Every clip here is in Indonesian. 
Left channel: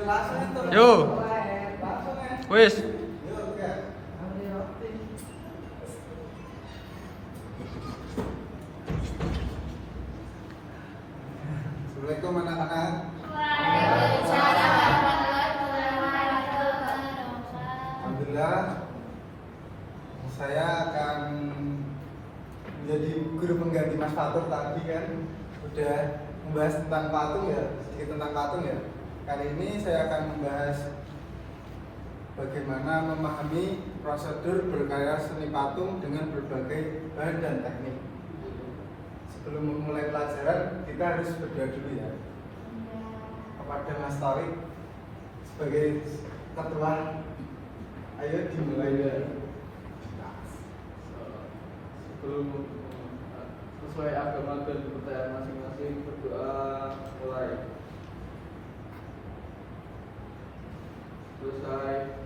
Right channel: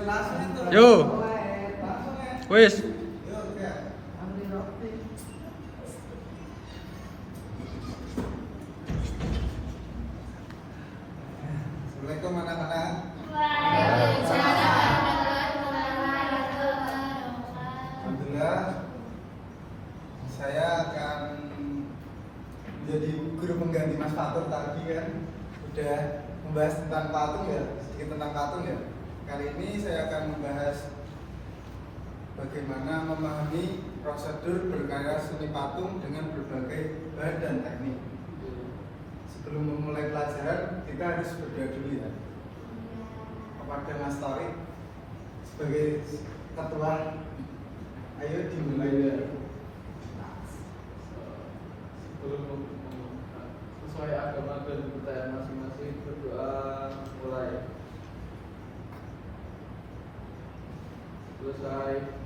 Yo, wis. Assalamualaikum anak-anak. Alhamdulillah, saya akan menjadi guru pengganti Mas Fatur tadi kan. Udah membahas tentang patung ya, sedikit tentang patung ya. Kali ini saya akan membahas bagaimana memahami prosedur berkarya seni patung dengan berbagai bahan dan teknik. Sebelum memulai pelajaran, kita harus berdoa dulu ya kepada Mas Tori sebagai ketua. Ayo dimulai ya. Sebelum sesuai agama dan budaya masing-masing, berdoa mulai. Selesai.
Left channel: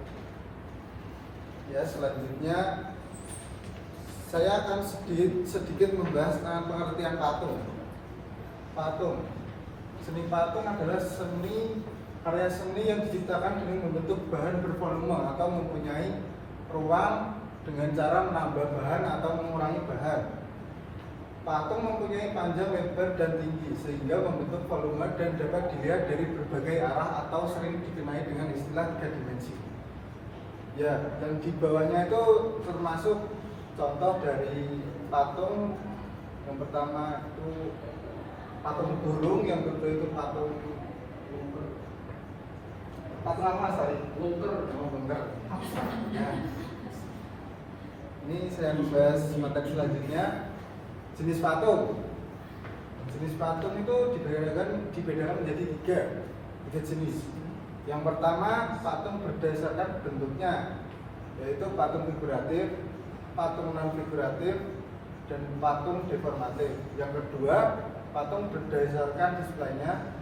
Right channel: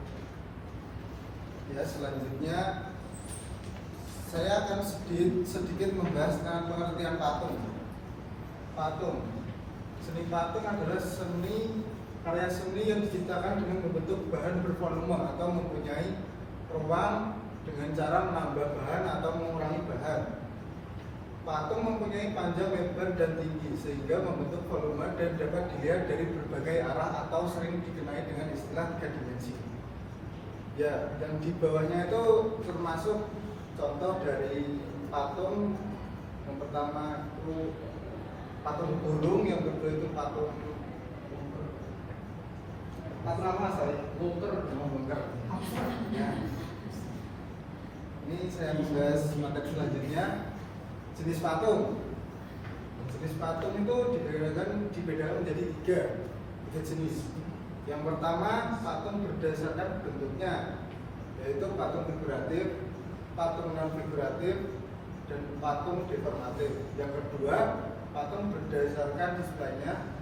Ya, selanjutnya saya akan sedikit membahas tentang pengertian patung. Patung, seni patung adalah karya seni yang diciptakan dengan membentuk bahan bervolume atau mempunyai ruang dengan cara menambah bahan atau mengurangi bahan. Patung mempunyai panjang, lebar, dan tinggi sehingga membentuk volume dan dapat dilihat dari berbagai arah atau sering dikenai dengan istilah 3 dimensi. Ya, dan di bawahnya itu termasuk contoh dari patung. Yang pertama itu patung burung, yang kedua itu patung apa tadi? Bunker. Ini saya membahas materi selanjutnya, jenis patung. Jenis patung itu dibedakan menjadi tiga jenis. Yang pertama, patung berdasarkan bentuknya, yaitu patung figuratif, patung non figuratif, dan patung deformatif. Yang kedua, patung berdasarkan displaynya.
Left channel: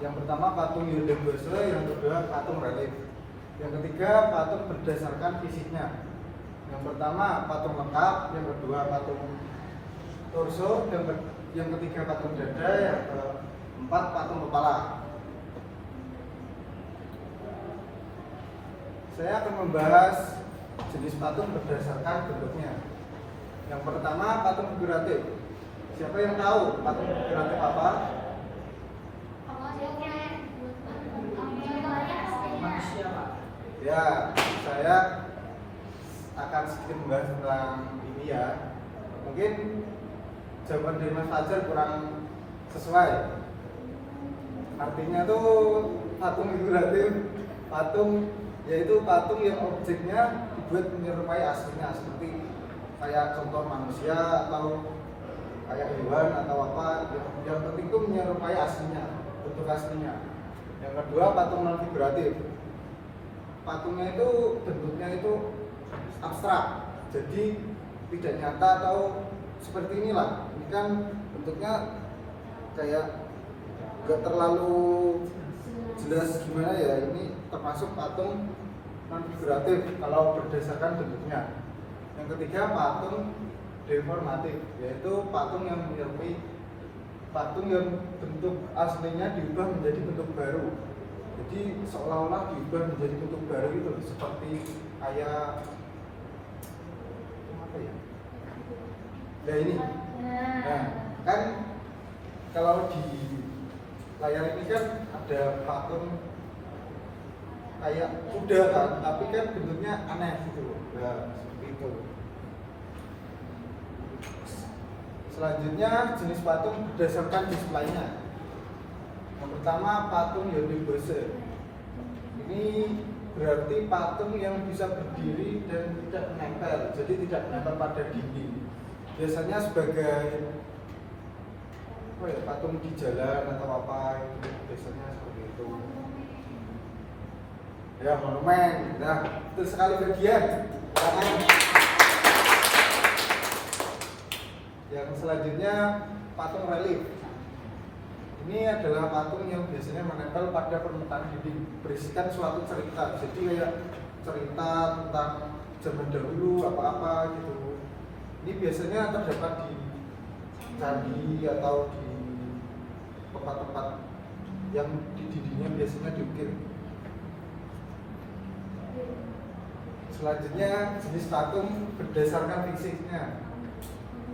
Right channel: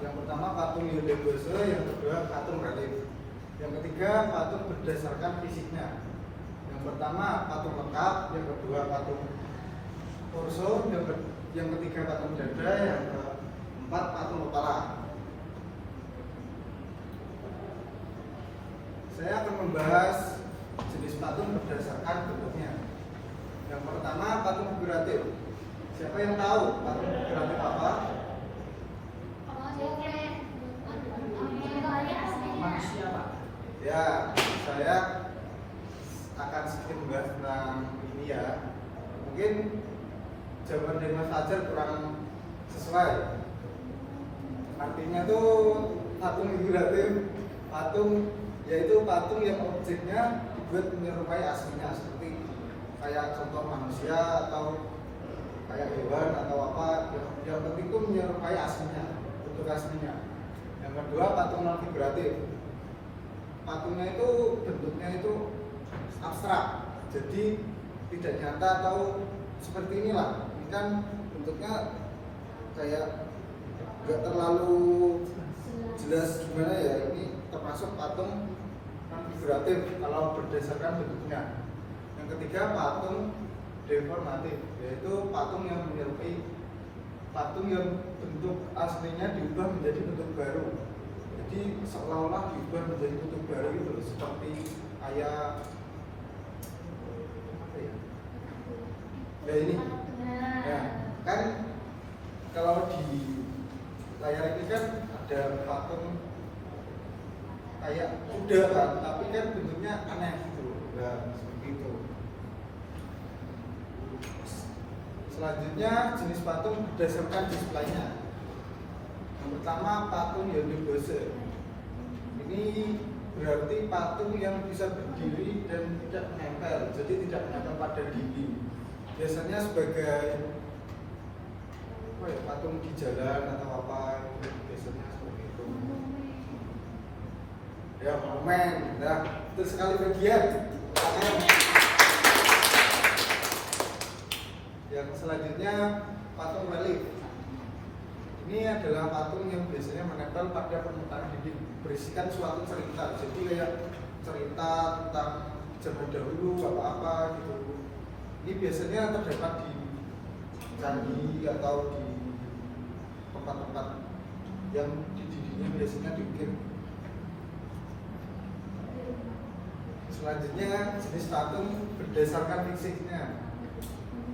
Yang pertama patung Yudhembose, yang kedua patung relief. Yang ketiga, patung berdasarkan fisiknya. Yang pertama patung lengkap, yang kedua patung torso, yang ketiga patung dada, yang keempat patung kepala. Saya akan membahas jenis patung berdasarkan bentuknya. Yang pertama patung figuratif. Siapa yang tahu patung figuratif apa? Manusia, Pak. Ya, saya akan sedikit membahas tentang ini ya. Mungkin jawaban dari Mas Fajar kurang sesuai. Artinya tuh patung figuratif, patung yaitu patung yang objeknya dibuat menyerupai aslinya, seperti kayak contoh manusia atau kayak hewan atau apa, yang penting itu menyerupai aslinya, bentuk aslinya. Yang kedua patung non figuratif. Patungnya itu bentuknya itu abstrak, jadi tidak nyata atau seperti inilah. Ini kan bentuknya kayak nggak terlalu jelas gimana ya. Ini termasuk patung non figuratif kalau berdasarkan bentuknya. Yang ketiga patung deformatif, yaitu patung yang menyerupai patung yang bentuk aslinya diubah menjadi bentuk baru. Jadi seolah-olah diubah menjadi bentuk baru itu, seperti kayak apa ya? Nah ini, nah kan kalau di layar ini kan ada patung kayak kuda kan, tapi kan bentuknya aneh gitu. Nah seperti itu. Selanjutnya jenis patung berdasarkan displaynya. Yang pertama patung Yudhembose. Ini berarti patung yang bisa berdiri dan tidak menempel, jadi tidak menempel pada dinding. Biasanya sebagai apa ya, patung di jalan atau apa itu biasanya seperti itu. Ya monumen, nah itu sekali bagian. Yang selanjutnya patung relief. Ini adalah patung yang biasanya menempel pada permukaan dinding, berisikan suatu cerita. Jadi kayak cerita tentang zaman dahulu apa-apa gitu. Ini biasanya terdapat di candi atau di tempat-tempat yang di Ini biasanya diukir. Selanjutnya jenis patung berdasarkan fisiknya.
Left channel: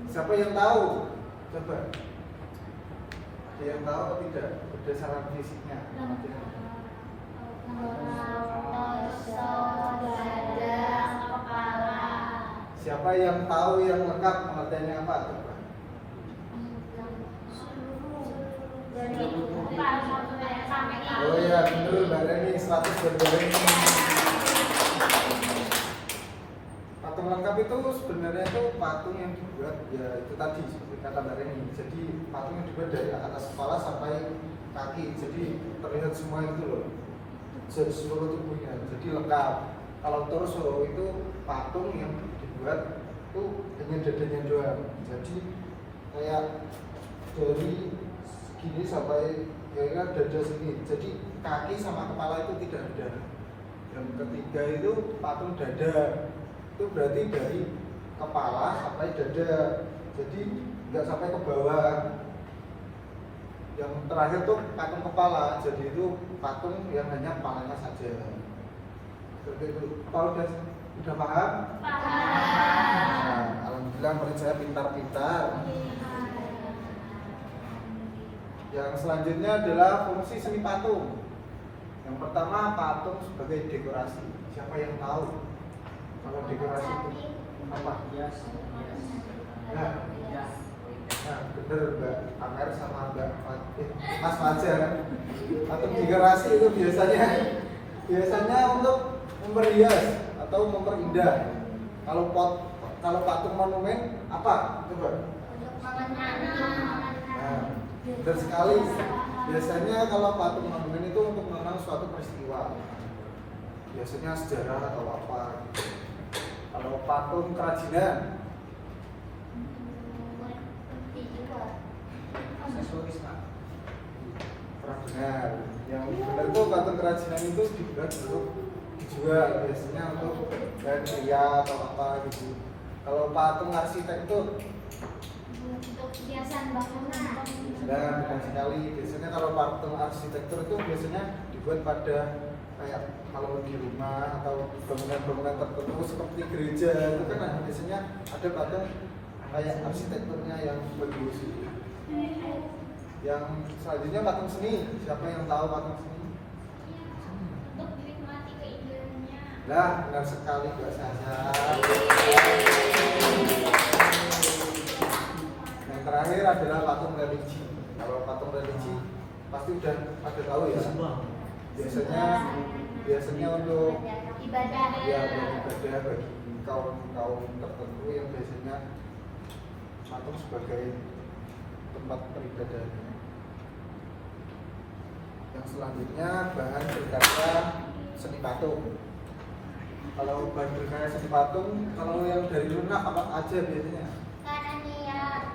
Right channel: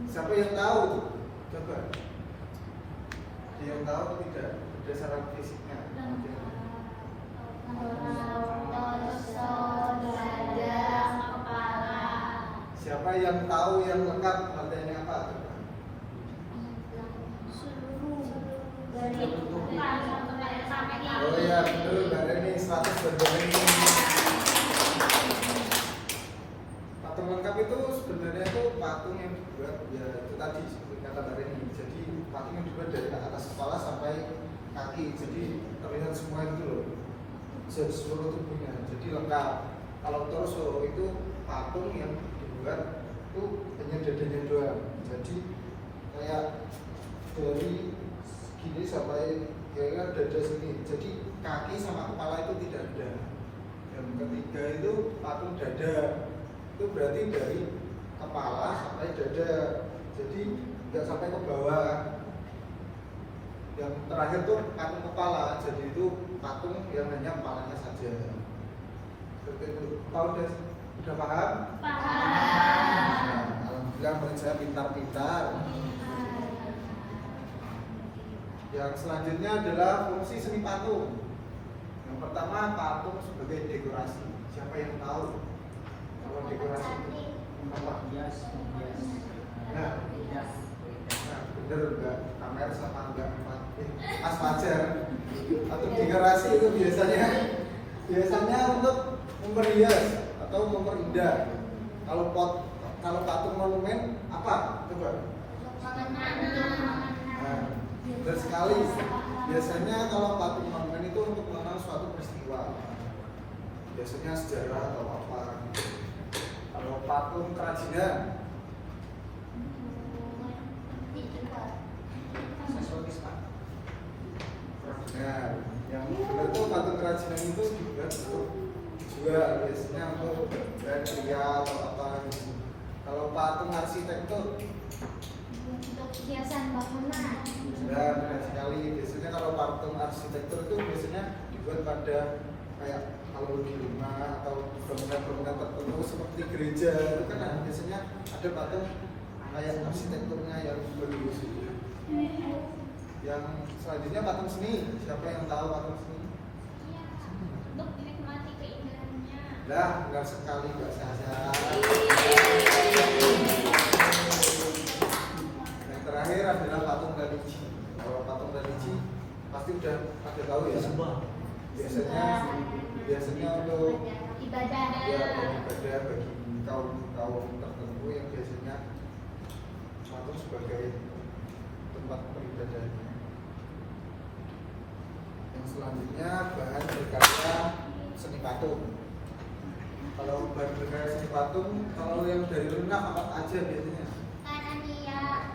Siapa yang tahu? Coba. Ada yang tahu atau tidak berdasarkan fisiknya? Siapa yang tahu yang lengkap pengertiannya apa? Coba. Oh iya, benar Mbak Reni, 100 Reni. Patung lengkap itu sebenarnya itu patung yang dibuat ya itu tadi seperti kata Mbak Reni. Jadi patung yang dibuat dari atas kepala sampai kaki, jadi terlihat semua itu loh, seluruh tubuhnya, jadi lengkap. Kalau torso itu patung yang dibuat itu hanya dadanya doang, jadi kayak dari gini sampai ya dada sini, jadi kaki sama kepala itu tidak ada. Dan ketiga itu patung dada, itu berarti dari kepala sampai dada, jadi nggak sampai ke bawah. Yang terakhir tuh patung kepala, jadi itu patung yang hanya kepalanya saja. Seperti itu. Kalau udah paham? Paham. Nah, alhamdulillah murid saya pintar-pintar. Yang selanjutnya adalah fungsi seni patung. Yang pertama, patung sebagai dekorasi. Siapa yang tahu kalau dekorasi itu apa? Nah, bener Mbak Amer sama Mbak Mas Fajar. Patung dekorasi itu biasanya untuk memperhias atau memperindah. Kalau patung monumen apa? Coba. Nah, benar sekali. Biasanya kalau patung monumen itu untuk mengenang suatu peristiwa, biasanya sejarah atau apa. Kalau patung kerajinan, benar. Yang benar itu patung kerajinan itu dibuat untuk dijual, biasanya untuk pria atau apa gitu. Kalau patung arsitek itu untuk hiasan bangunan. nah, benar sekali. Biasanya kalau patung arsitektur itu biasanya dibuat pada kayak kalau di rumah atau bangunan-bangunan tertentu seperti gereja itu kan biasanya ada patung kayak arsitekturnya yang bagus itu. Yang selanjutnya patung seni. Siapa yang tahu patung seni? Untuk menikmati keindahannya. Nah, benar sekali Mbak Sasa. Yang terakhir adalah patung religi. Kalau patung religi pasti udah ada tahu ya. Biasanya untuk ibadah. ya bagi kaum tertentu yang biasanya patung sebagai tempat peribadahan. Yang selanjutnya bahan berkarya seni patung. Kalau bahan berkarya seni patung, kalau yang dari lunak apa aja biasanya?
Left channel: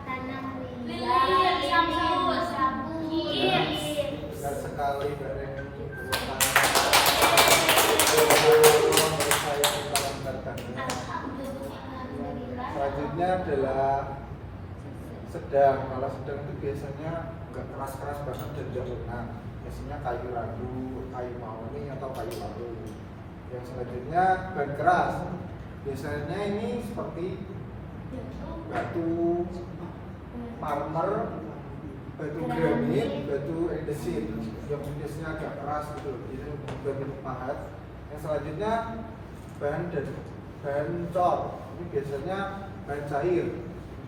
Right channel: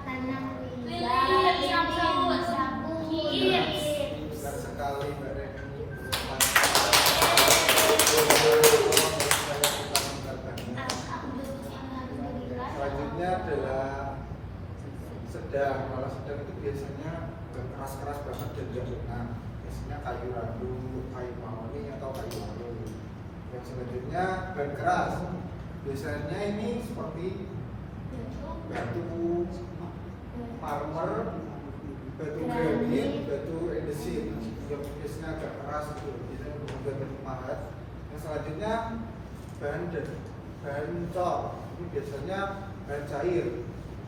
Tanam lilin, sabun, Benar sekali Mbak Reni. Selanjutnya adalah sedang. Kalau sedang itu biasanya nggak keras-keras banget dan nggak lunak. Biasanya kayu ragu, kayu mahoni atau kayu laru. Yang selanjutnya bahan keras. Biasanya ini seperti batu marmer, batu granit, batu andesit yang biasanya agak keras gitu, biasanya benar-benar pahat. Yang selanjutnya bahan cor. Ini biasanya bahan cair,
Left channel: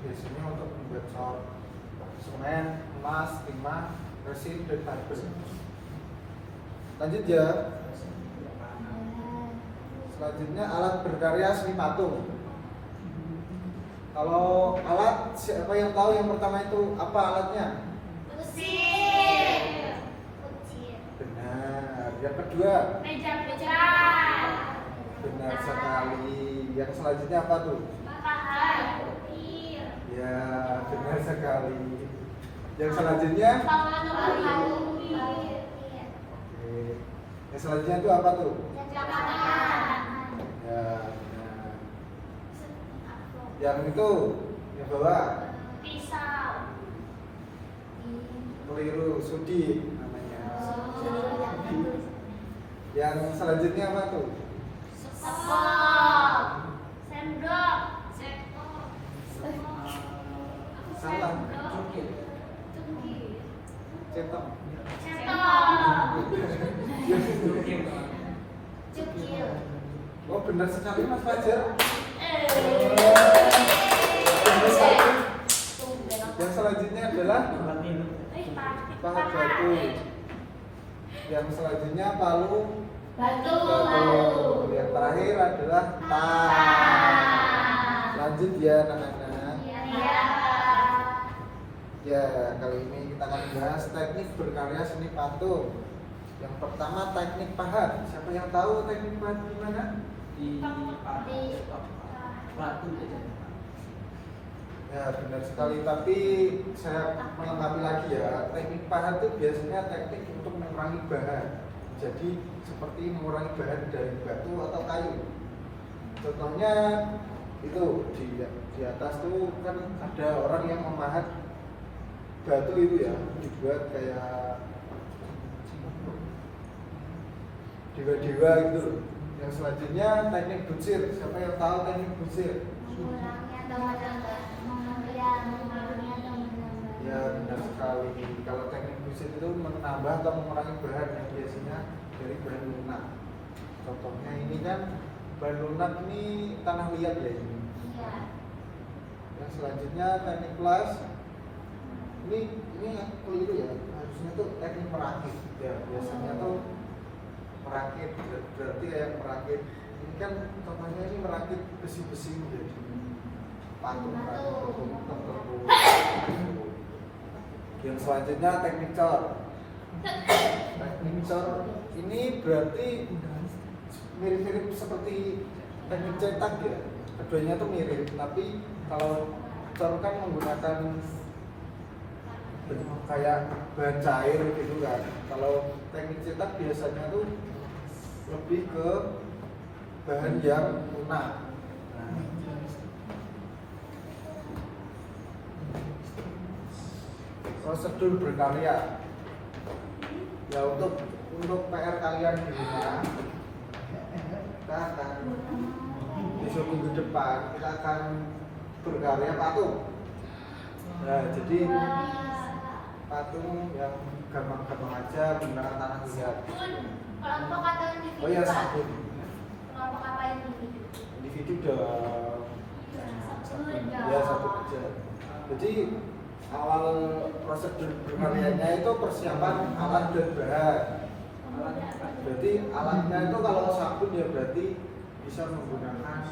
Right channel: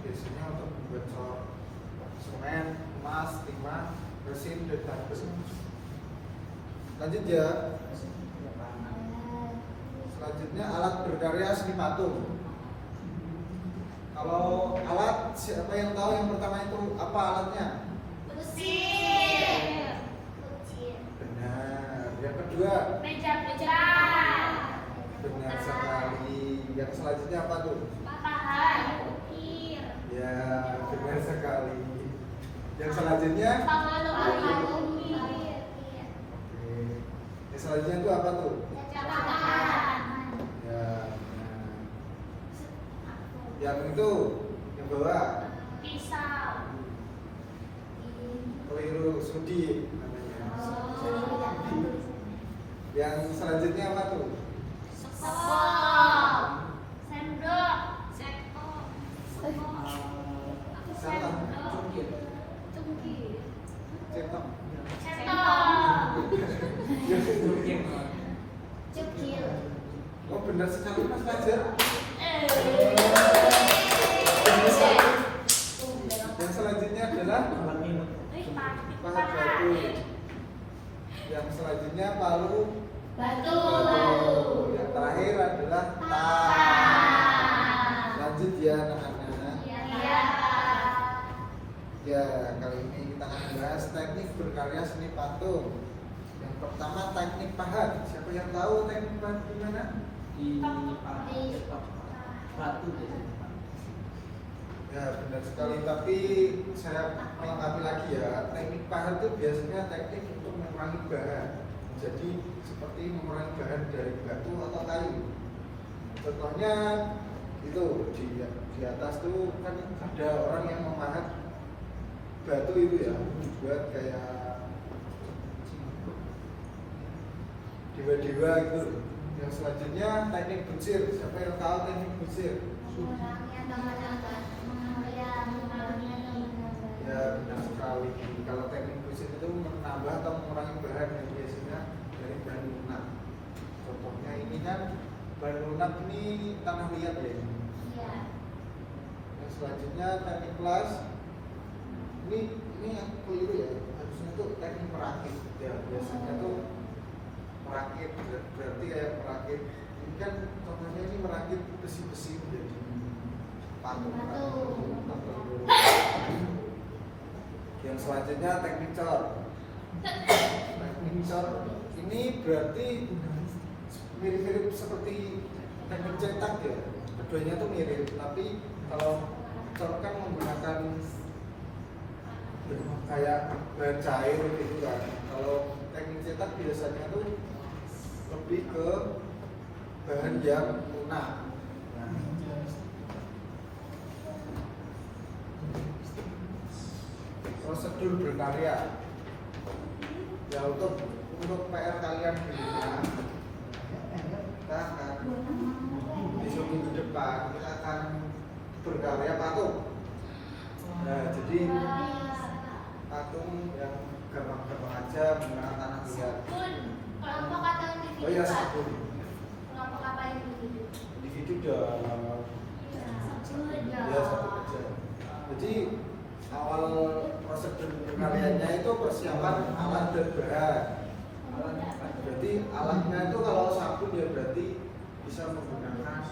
biasanya untuk membuat cor semen, emas, timah, resin, dan lain-lain. Lanjut ya. Selanjutnya alat berkarya seni patung. Kalau alat, siapa yang tahu yang pertama itu apa alatnya? Mesin. Benar. Yang kedua? Meja. Benar sekali. Yang selanjutnya apa tuh? Papan. Ya, benar sekali. Yang selanjutnya? Oke. Yang selanjutnya itu apa tuh? Ya, benar. Yang itu, yang bawah? Pisau. Keliru, sudi namanya. Yang selanjutnya apa tuh? Sendok. Sendok. Salah. Cukir. Centong. Cukir. Cukil. Oh benar sekali Mas Fajar. Yang selanjutnya adalah pahat batu. Yang selanjutnya palu. Batu. Yang terakhir adalah tas. Lanjut ya anak-anak. Iya. Ya kali ini kita akan bahas teknik berkarya seni patung. Yang pertama teknik pahat. Siapa yang tahu teknik pahat gimana? Di batu Ya benar sekali, tapi saya melengkapi lagi ya. Teknik pahat itu biasanya teknik untuk mengurangi bahan. Jadi seperti mengurangi bahan dari batu atau kayu. Contohnya itu di atas tuh kan ada orang yang memahat batu itu ya, dibuat kayak dewa-dewa gitu. Yang selanjutnya teknik bucir. Siapa yang tahu teknik bucir? Mengurangi atau menambah. Ya benar sekali. Kalau teknik bucir itu menambah atau mengurangi bahan yang biasanya dari bahan lunak. Contohnya ini kan bahan lunak ini tanah liat ya ini. Iya. Yang selanjutnya teknik plus. Ini yang keliru ya. Harusnya tuh teknik merakit. Ya biasanya tuh merakit berarti kayak merakit. Ini kan contohnya ini merakit besi-besi menjadi patung. Yang selanjutnya teknik cor. Teknik cor ini berarti mirip-mirip seperti teknik cetak ya. Keduanya tuh mirip, tapi kalau cor kan menggunakan kayak bahan cair gitu kan. Kalau teknik cetak biasanya tuh lebih ke bahan yang lunak. Prosedur berkarya. Ya untuk PR kalian di rumah, kita akan besok minggu depan kita akan berkarya patung. Nah, jadi patung yang gampang-gampang aja menggunakan tanah liat. Kelompok atau individu? Oh ya Pak? sabun. Kelompok apa individu? Individu udah ya satu aja. Jadi awal prosedur berkaryanya itu persiapan alat dan bahan. Berarti alatnya itu kalau sabun ya berarti bisa menggunakan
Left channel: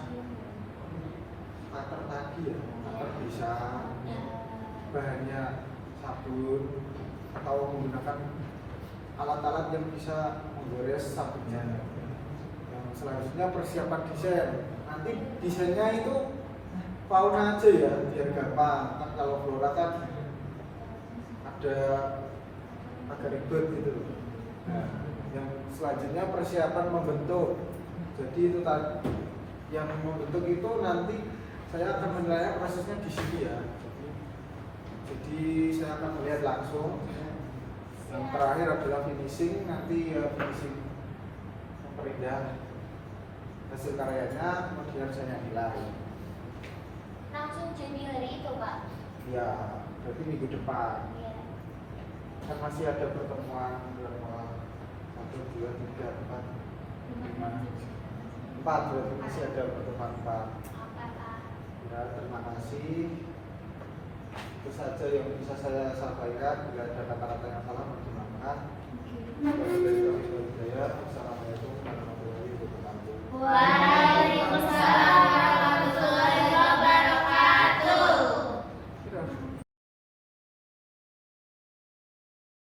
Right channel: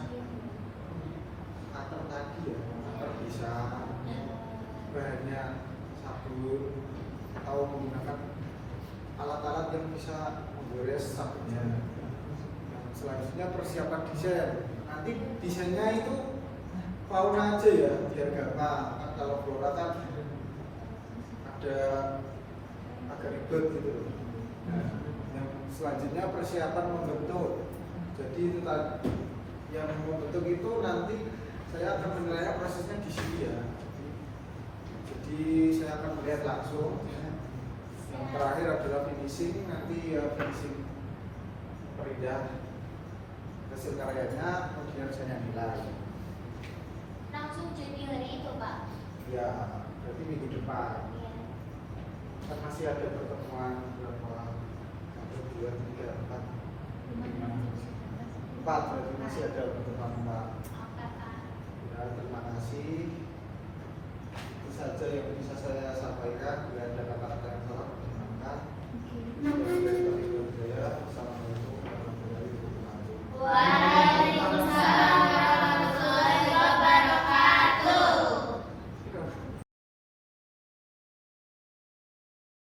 cutter tadi ya, cutter bisa, bahannya sabun atau menggunakan alat-alat yang bisa menggores sabunnya. Yang selanjutnya persiapan desain. Nanti desainnya itu fauna aja ya biar gampang. Kan kalau flora kan ada agak ribet gitu loh. Nah, yang selanjutnya persiapan membentuk. Jadi itu tadi yang membentuk itu nanti saya akan menilai prosesnya di sini ya. Jadi saya akan melihat langsung. Yang terakhir adalah finishing. Nanti ya finishing memperindah hasil karyanya, kemudian saya nilai. Langsung cuti hari itu, Pak. Ya, berarti minggu depan. Iya. Kan masih ada pertemuan berapa? 1, 2, 3, 4, 5, 4. Berarti masih ada pertemuan 4. Apa, Pak? Ya, terima kasih. Itu saja yang bisa saya sampaikan. Bila ada kata-kata yang salah, perkenankan.